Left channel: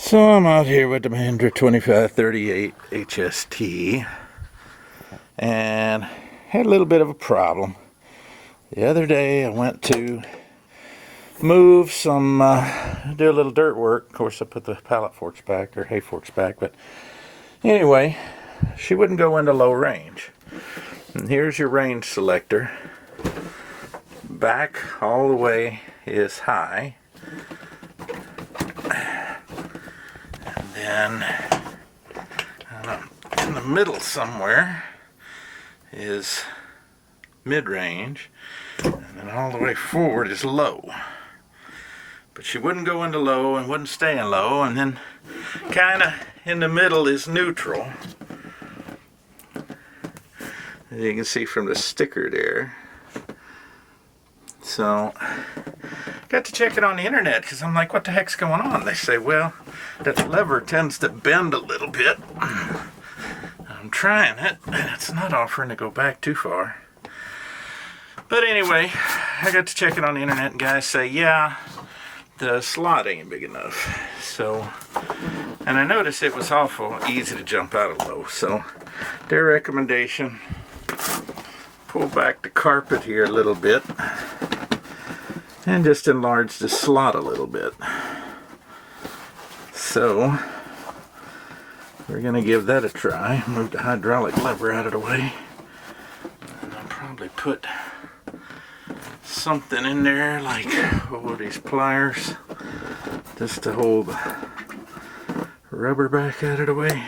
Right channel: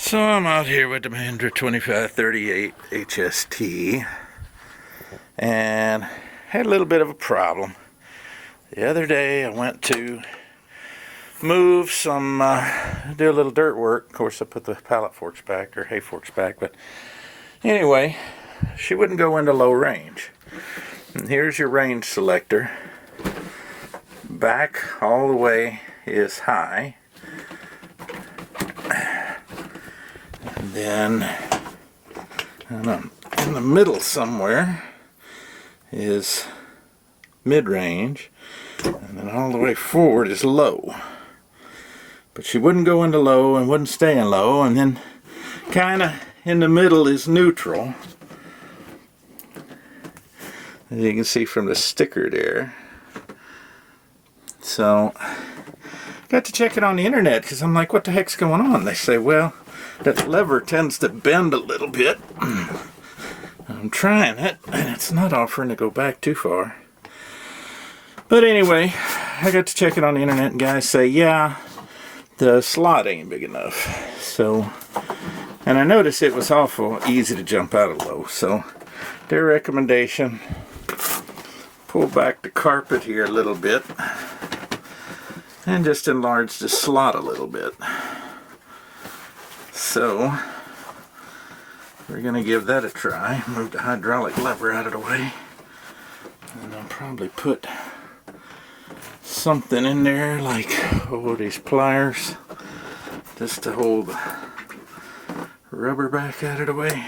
So I'm out here with the Mahindra 2538 HST and had a little bit of a problem. The other day I went to move some, do a little dirt work. Of course I put the pallet forks back, or hay forks back, but anyway, she wouldn't go into low range. And here's your range selector. Back all the way is high. And then in the middle somewhere is mid-range, and then all the way forward is low. But she wouldn't go into low and wouldn't stay in low, and then kind of in the middle is neutral. As you can see from the sticker there. So got to check it on the internet because I'm like, what the heck's going on? They say, well, that lever tends to bend a little bit. I'm trying it, and it's not offering to go back too far. But anyway, I got to check it on the internet, and guys say, yeah, the slot ain't big enough. So, and I noticed it was awful easy to jump out of low. So, their recommendation, pull back the carpet here a little bit, and just enlarge the slot a little bit. So, we're going to give that a try. Move the hydraulic lever out of the way. And I'll probably put something in there like, these pliers, just to hold the rubber back out of the way,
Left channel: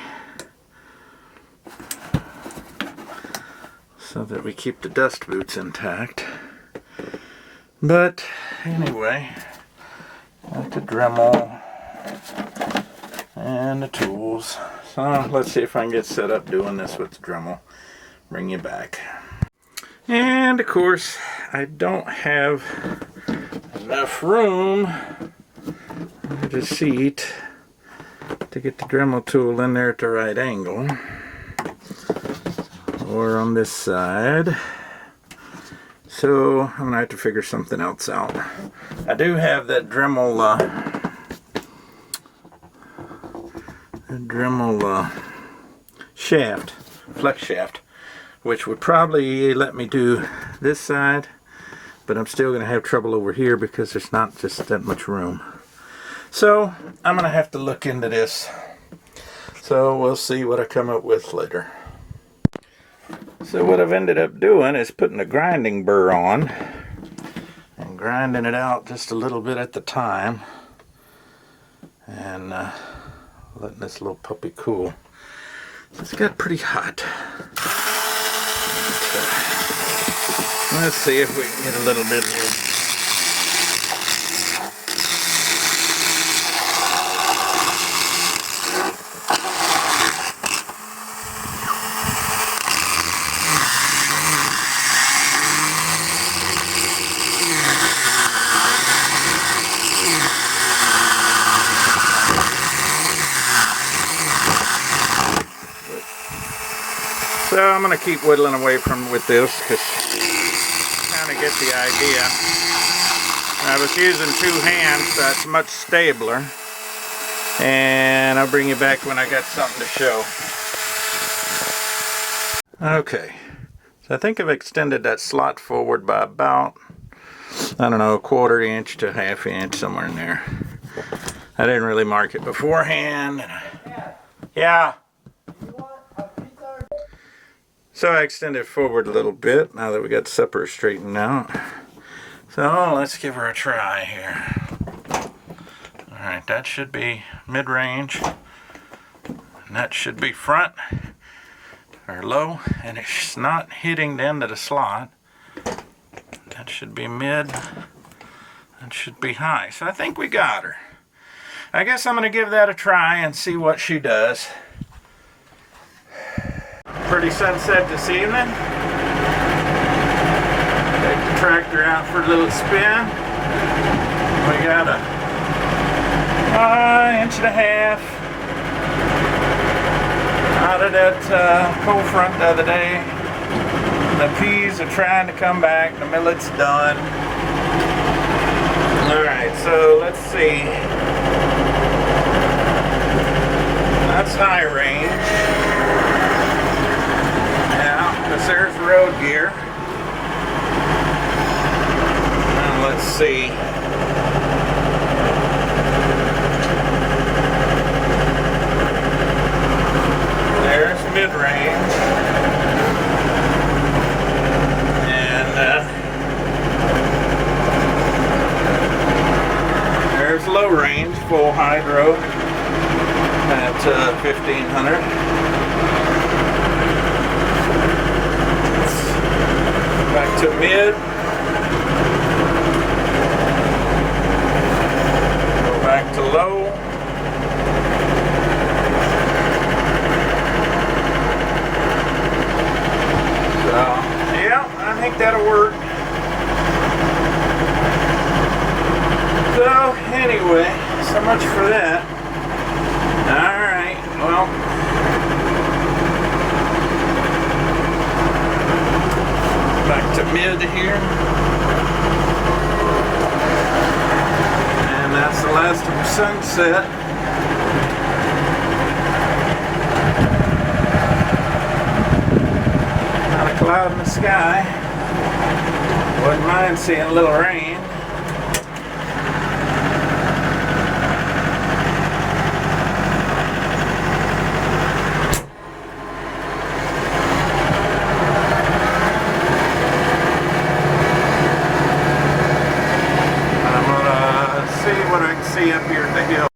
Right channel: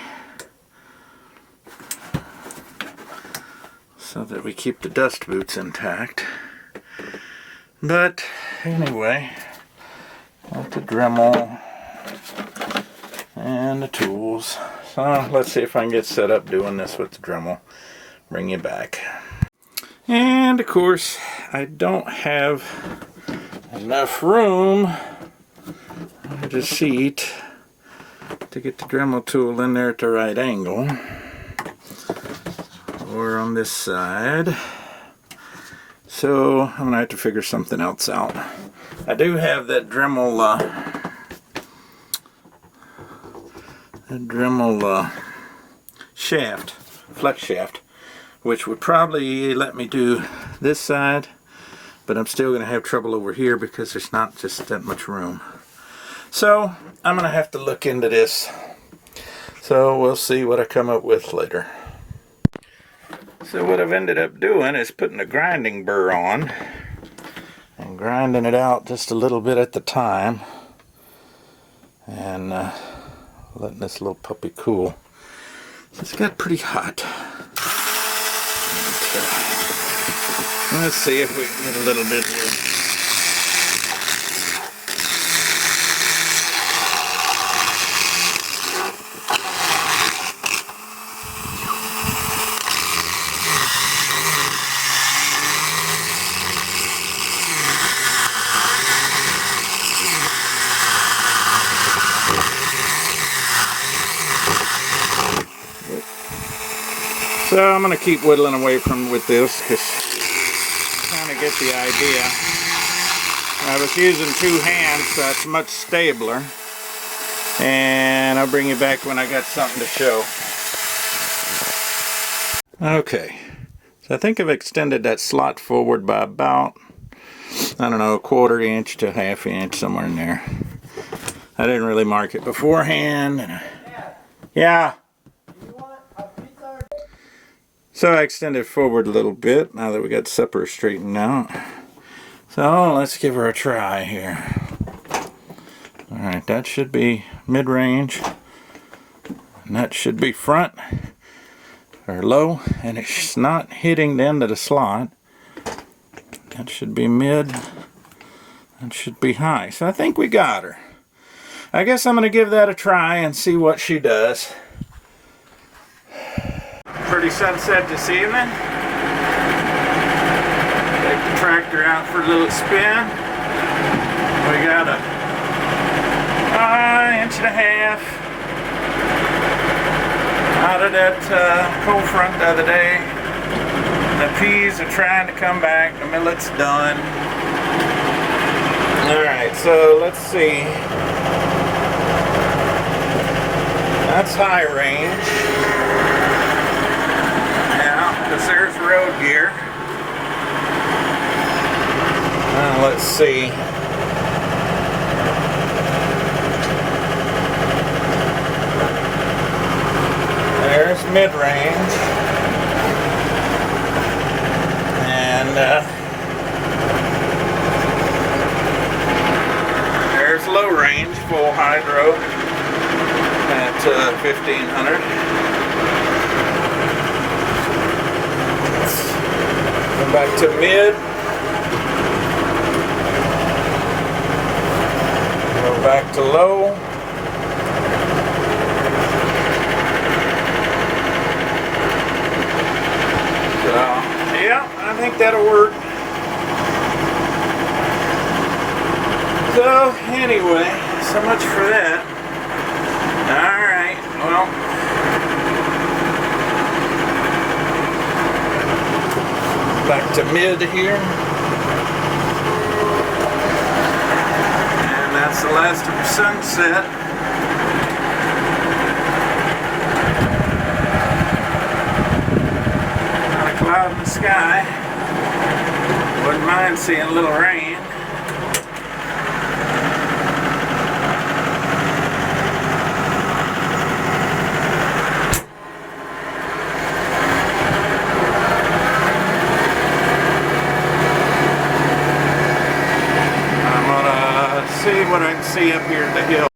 so that we keep the dust boots intact. But anyway, got the Dremel and the tools. So let's see if I can get set up doing this with the Dremel. Bring you back. And of course, I don't have enough room on the seat to get the Dremel tool in there at the right angle, or on this side. So I'm going to have to figure something else out. I do have that Dremel shaft, flex shaft, which would probably let me do this side, but I'm still going to have trouble over here because there's not just that much room. So I'm going to have to look into this. So we'll see what I come up with later. So what I've ended up doing is putting a grinding burr on and grinding it out just a little bit at the time, and letting this little puppy cool. So it's got pretty hot. Let's see if we can get a little bit here. So I'm going to keep whittling away with this because kind of get the idea. I was using two hands, so it's much stabler. And I'll bring you back when I got something to show. Okay, so I think I've extended that slot forward by about, I don't know, a 1/4 inch to 1/2 inch, somewhere in there. I didn't really mark it beforehand. Yeah. So I extended forward a little bit now that we got supper straightened out. So let's give her a try here. Alright, that should be mid-range. And that should be front or low. And it's not hitting the end of the slot. That should be mid. That should be high. So I think we got her. I guess I'm going to give that a try and see what she does. Pretty sunset this evening. Take the tractor out for a little spin. We got a 1.5 inch out of that cold front the other day. The peas are trying to come back. The millet's done. Alright, so let's see. that's high range. Now, because there's road gear. Now let's see. There's mid-range. And there's low range, full hydro at 1500. Go back to mid. Go back to low. So, yeah, I think that'll work. So, anyway, so much for that. Alright, well, back to mid here. And that's the last of the sunset. Not a cloud in the sky. Wouldn't mind seeing a little rain.